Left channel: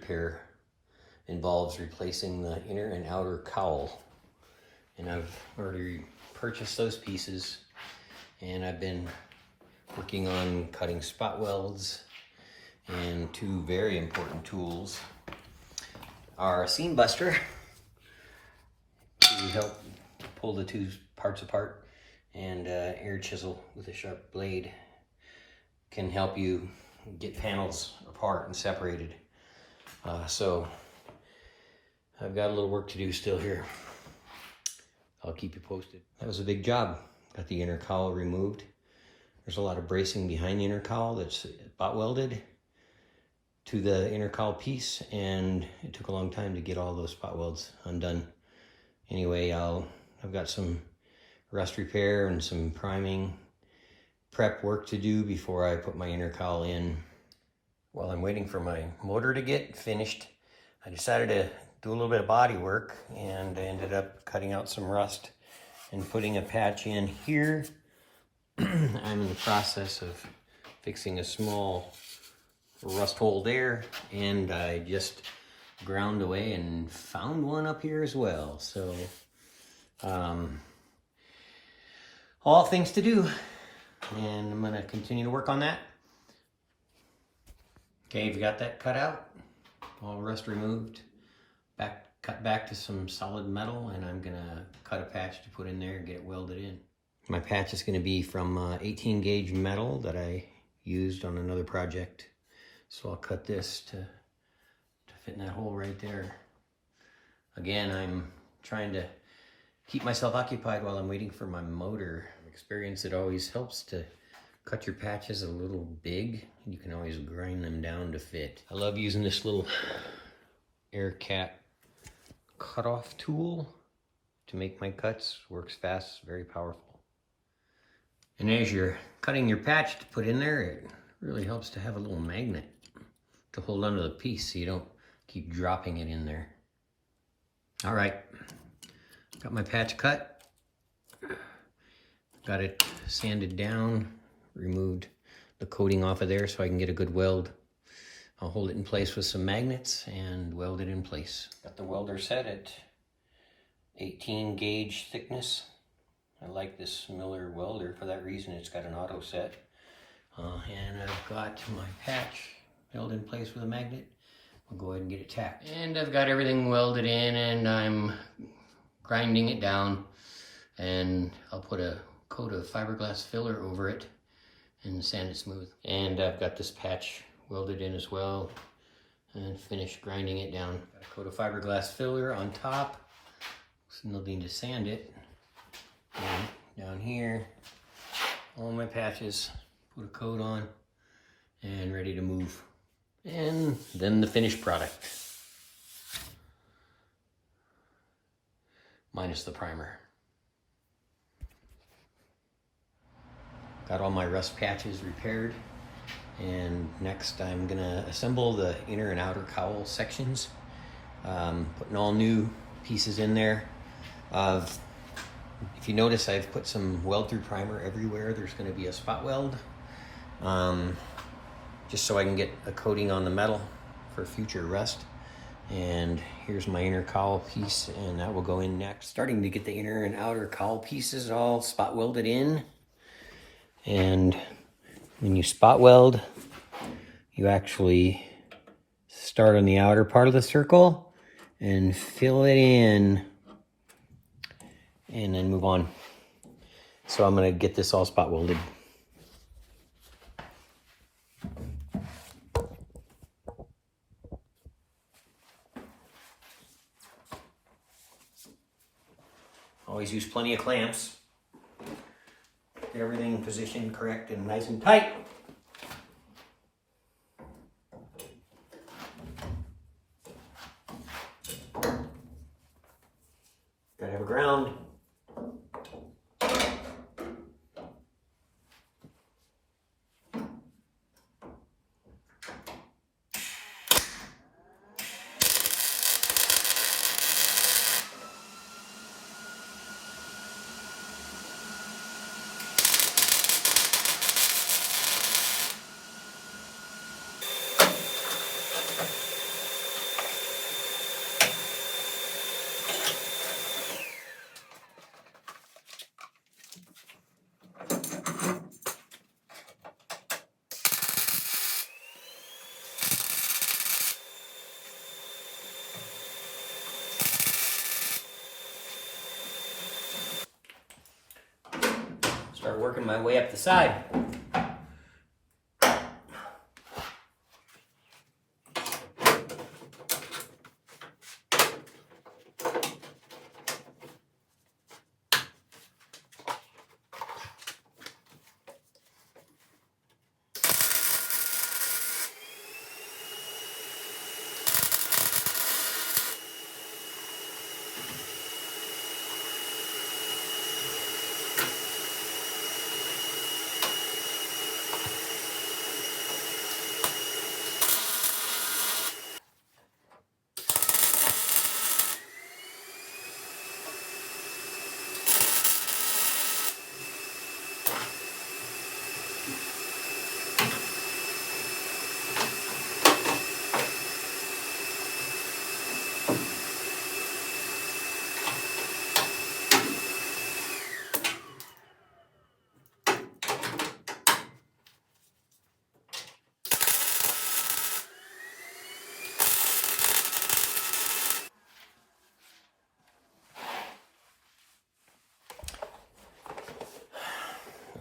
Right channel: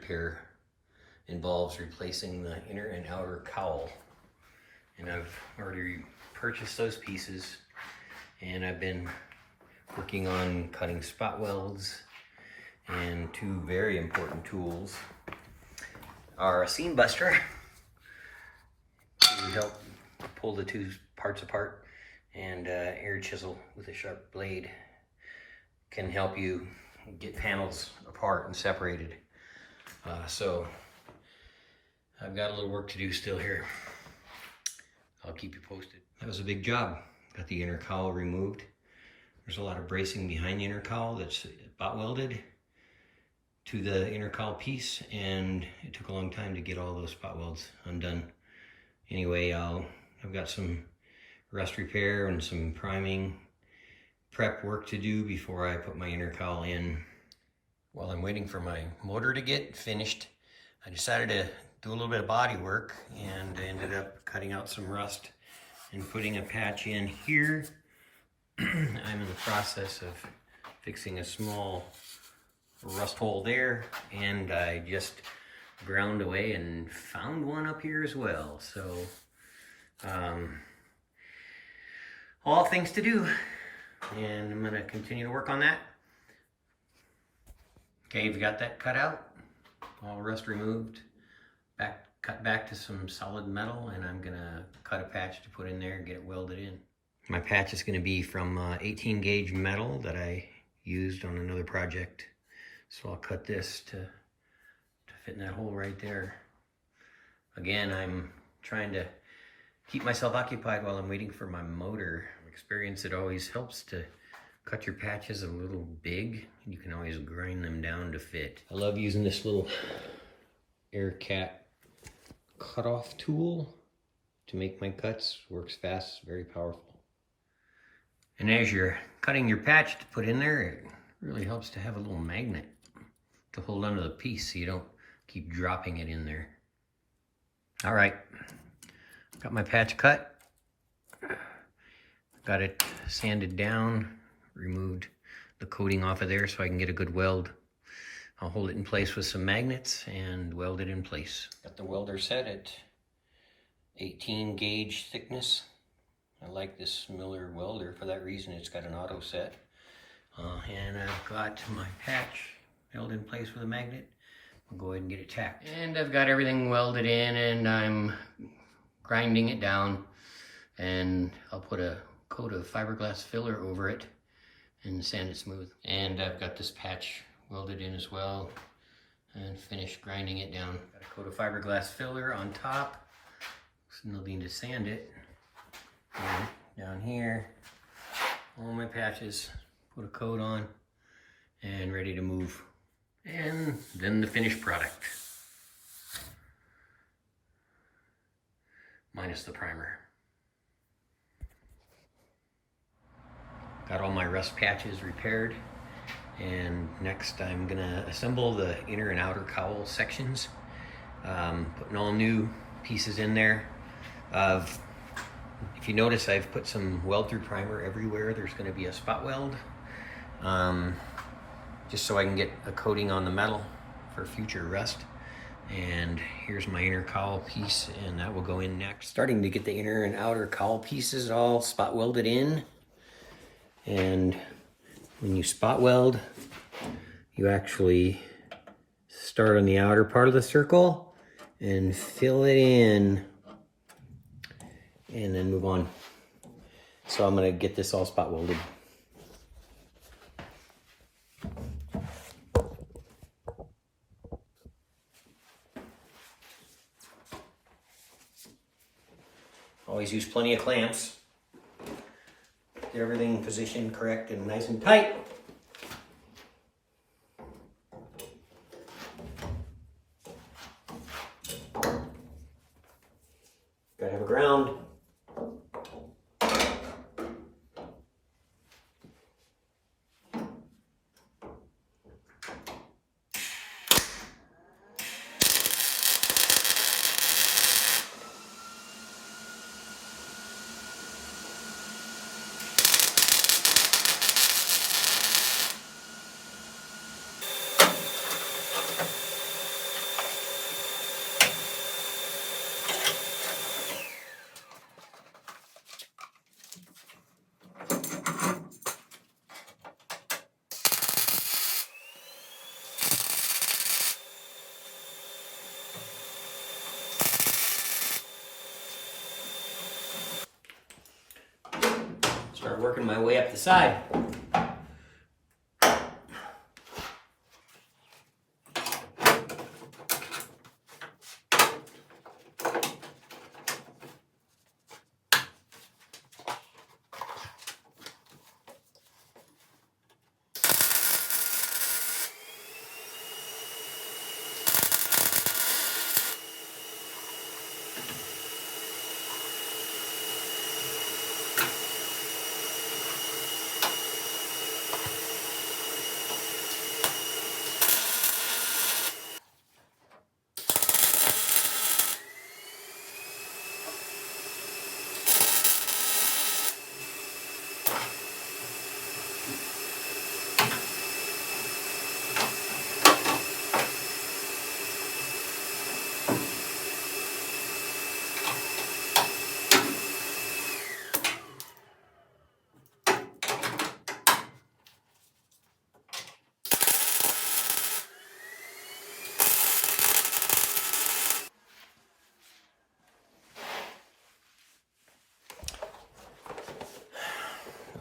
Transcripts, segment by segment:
repair involves replacing the inner and outer cowl. And I've already purchased those pieces, and I've been working on cutting spot welds, and two very important tools are a seam buster to help pull the two parts apart, and air chisel with a sharp blade can help you get panels apart and separated. So I've got a little work to do still here. I'll keep you posted. That was a big job. Got the inner cowl removed. There's a lot of bracing behind the inner cowl that's spot welded to the inner cowl piece, and it took a long time to get all those spot welds undone. Anyway, I've got some rust repair and some priming prep work to do before I put my inner cowl in. While I'm waiting for my motor to get finished, I decided to do a little bit of body work, and I ended up cutting out some rust and putting a patch in here. I'm in the process of fixing a small rust hole there, and I just ground away and found one up here as well. So all things to do, and I'm gonna continue to work on that. Okay, we've got that cut out, all rust removed, cut back to some solid metal, and I'm gonna cut a patch to put in there and get it welded in. My patch is gonna be from 18 gauge metal that I used on another project. So I'll cut this to fit in that hole right there. Again, I'm trying to keep myself occupied while I'm waiting for my motor. From experience, it always helps to cut your patches a little big. You can always grind them down to fit. I love using this little air cap cutoff tool to make my cuts. Works fast, very powerful. And as you're cutting your patch to put in there, it really helps to have a little magnet to hold onto the piece so you don't keep dropping it in there. All right, got my patch cut. Got it sanded down, removed the coating off of there so I can get a good weld. I'll hold it in place with some magnets and weld it in place. Got the welder set at 18 gauge thickness. I like this Miller welder for that reason. It's got an auto set. And I've got my patch held in place with a magnet. I'll go ahead and get it tacked. And I've got everything welded in, and I'm grinding it down, and I'll put a coat of fiberglass filler over it and sand it smooth. And I've got this patch welded in as well and finished grinding it down. Got a coat of fiberglass filler on top. No need to sand it. And down here, all my patches, put a coat on and ready to move. And then the finished product, minus the primer. Got all my rust patches repaired, and next I'm gonna assemble the inner and outer cowl sections, putting all new pieces in there. If you notice, I've put some weld through primer everywhere. There's gonna be a spot weld, just so I can get a coating on the metal for future rust. And here's my inner cowl piece, and that will go in next. Starting to get the inner and outer cowl pieces all spot welded in. And when you spot weld, you actually start on the outer part of the circle and fill it in, and then move on. So I'm gonna get this all spot welded. Always use plenty of clamps. Get everything positioned correct and nice and tight. Gotta have a ground. Start working my way up the side.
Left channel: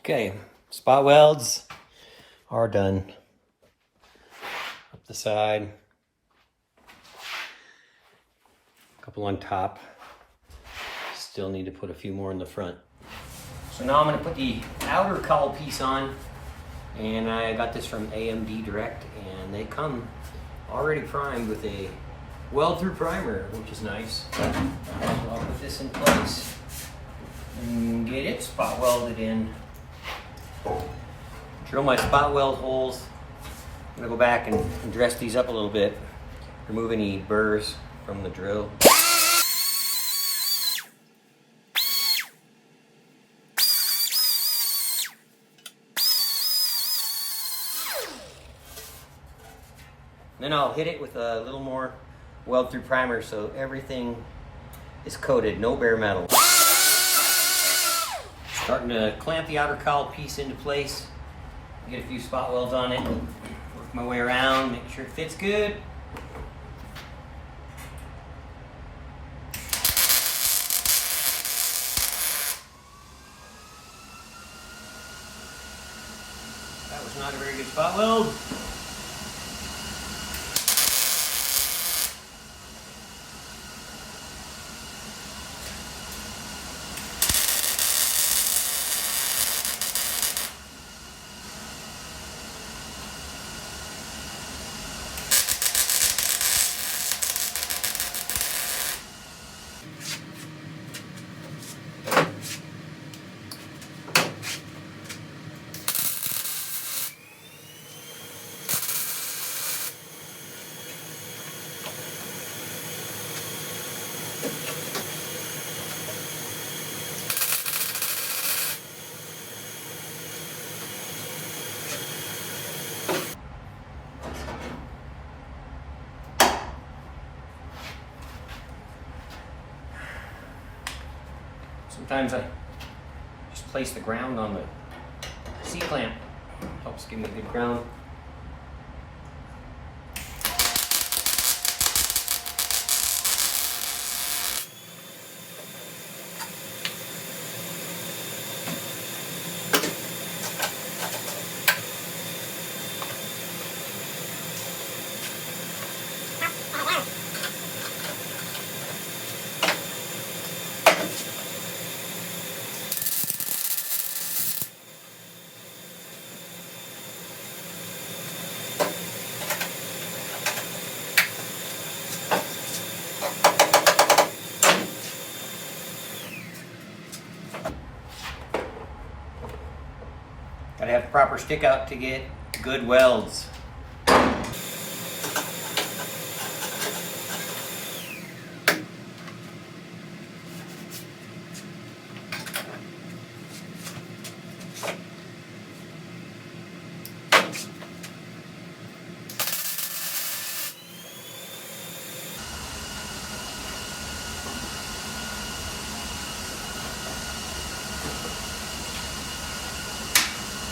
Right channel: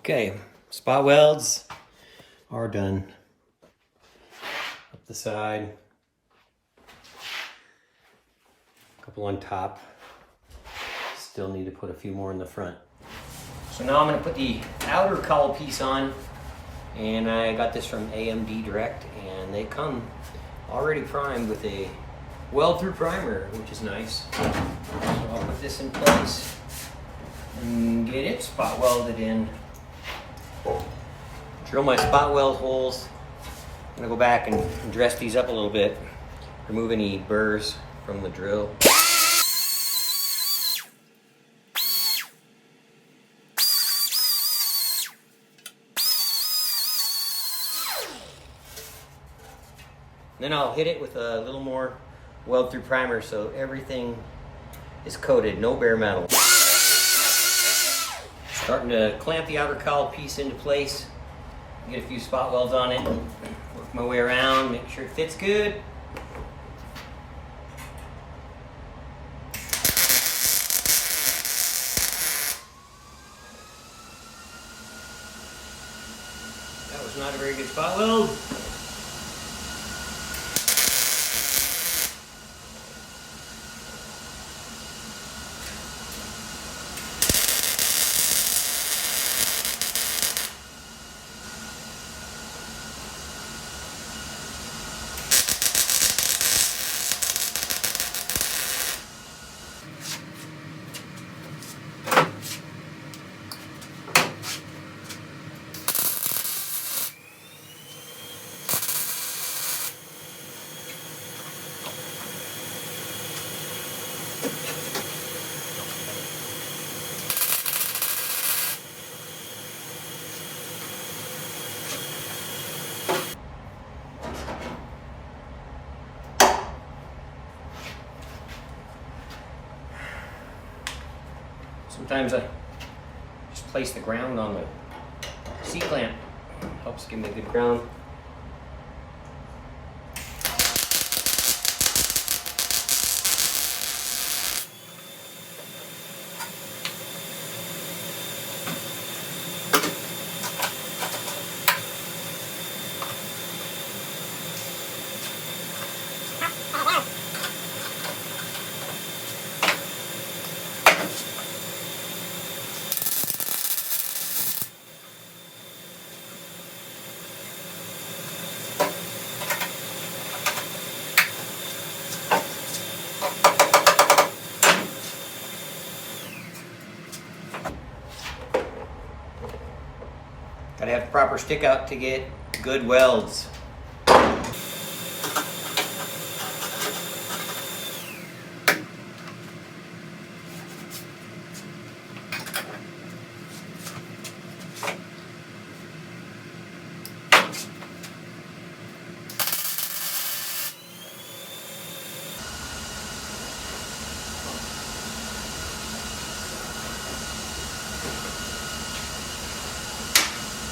Okay, spot welds are done. Up the side, a couple on top. Still need to put a few more in the front. So now I'm going to put the outer cowl piece on, and I got this from AMD Direct, and they come already primed with a weld-through primer, which is nice. So I'll put this in place and get it spot welded in. Drill my spot weld holes. I'm gonna go back and dress these up a little bit, remove any burrs from the drill. Then I'll hit it with a little more weld through primer so everything is coated, no bare metal. Starting to clamp the outer cowl piece into place. Get a few spot welds on it. Work my way around, make sure it fits good. That was not a very good spot weld. Sometimes I just place the ground on the C-clamp. Helps give me a good ground. Gotta have the proper stick out to get good welds.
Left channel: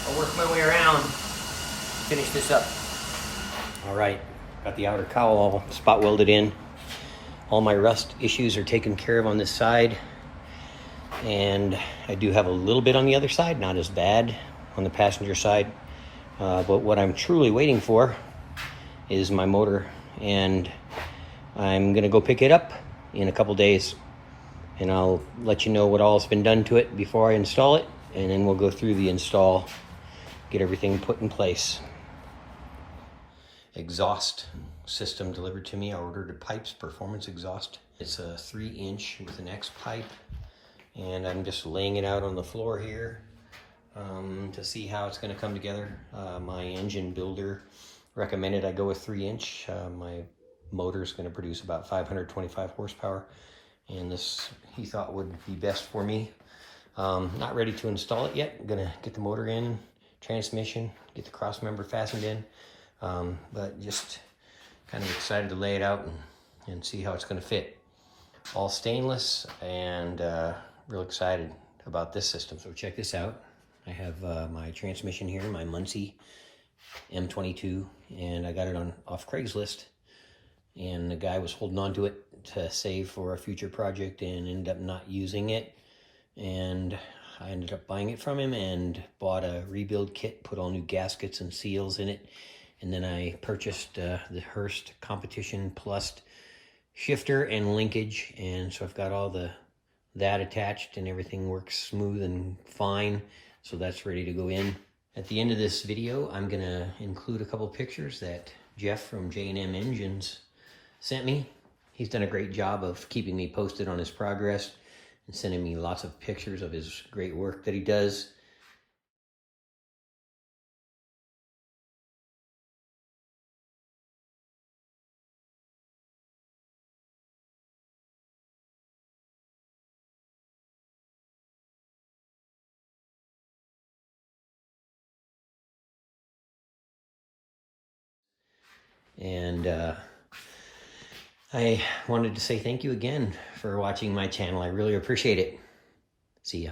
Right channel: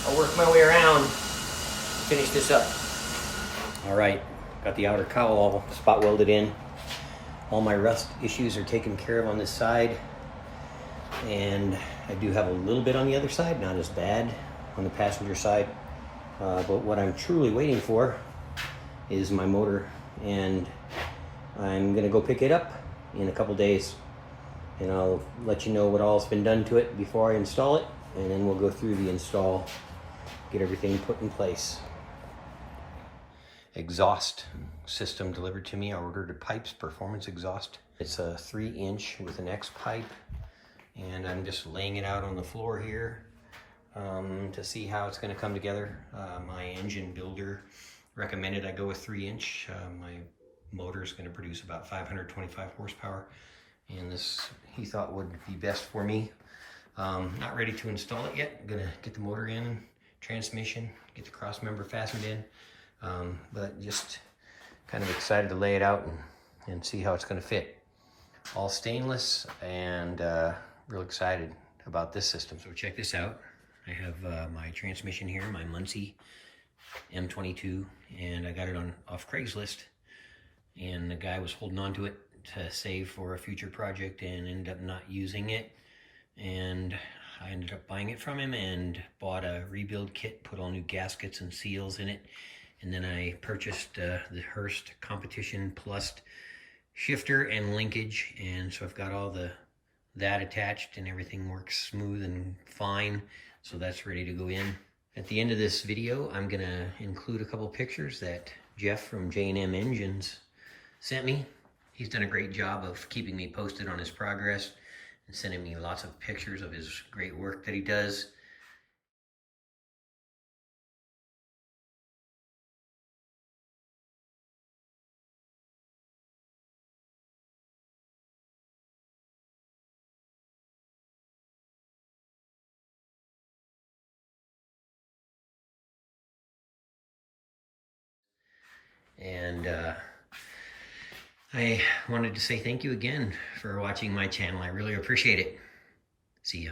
I'll work my way around, finish this up. All right, got the outer cowl all spot welded in. All my rust issues are taken care of on this side. And I do have a little bit on the other side, not as bad on the passenger side. But what I'm truly waiting for is my motor, and I'm gonna go pick it up in a couple days, and I'll let you know what all's been done to it before I install it, and then we'll go through the install, get everything put in place. Exhaust system delivered to me. I ordered a Pipes Performance exhaust. It's a 3-inch with an X pipe, and I'm just laying it out on the floor here to see how it's going to come together. My engine builder recommended I go with 3-inch. My motor is going to produce about 525 horsepower, and this he thought would be best for me. Not ready to install it yet. I'm gonna get the motor in, transmission, get the cross member fastened in, but just kind of excited to lay it out and see how it's going to fit. All stainless, and real excited about this system. So check this out. I have my transmission here, my Muncie M22, and I got it off Craigslist, and the guy was holding on to it to save for a future project and ended up not using it, and I ended up buying it from him and bought a rebuild kit, put all new gaskets and seals in it, and then I purchased the Hurst Competition Plus shifter and linkage, and so I've got all that attached, and everything works smooth and fine, so that's ready to go in. At the end of this video, I'm gonna include a couple pictures that Jeff from J&M Engines sent me. He's done a great job of keeping me posted on his progress and sending me lots of pictures of his great work that he does. And I wanted to say thank you again for watching my channel. I really appreciate it. See ya.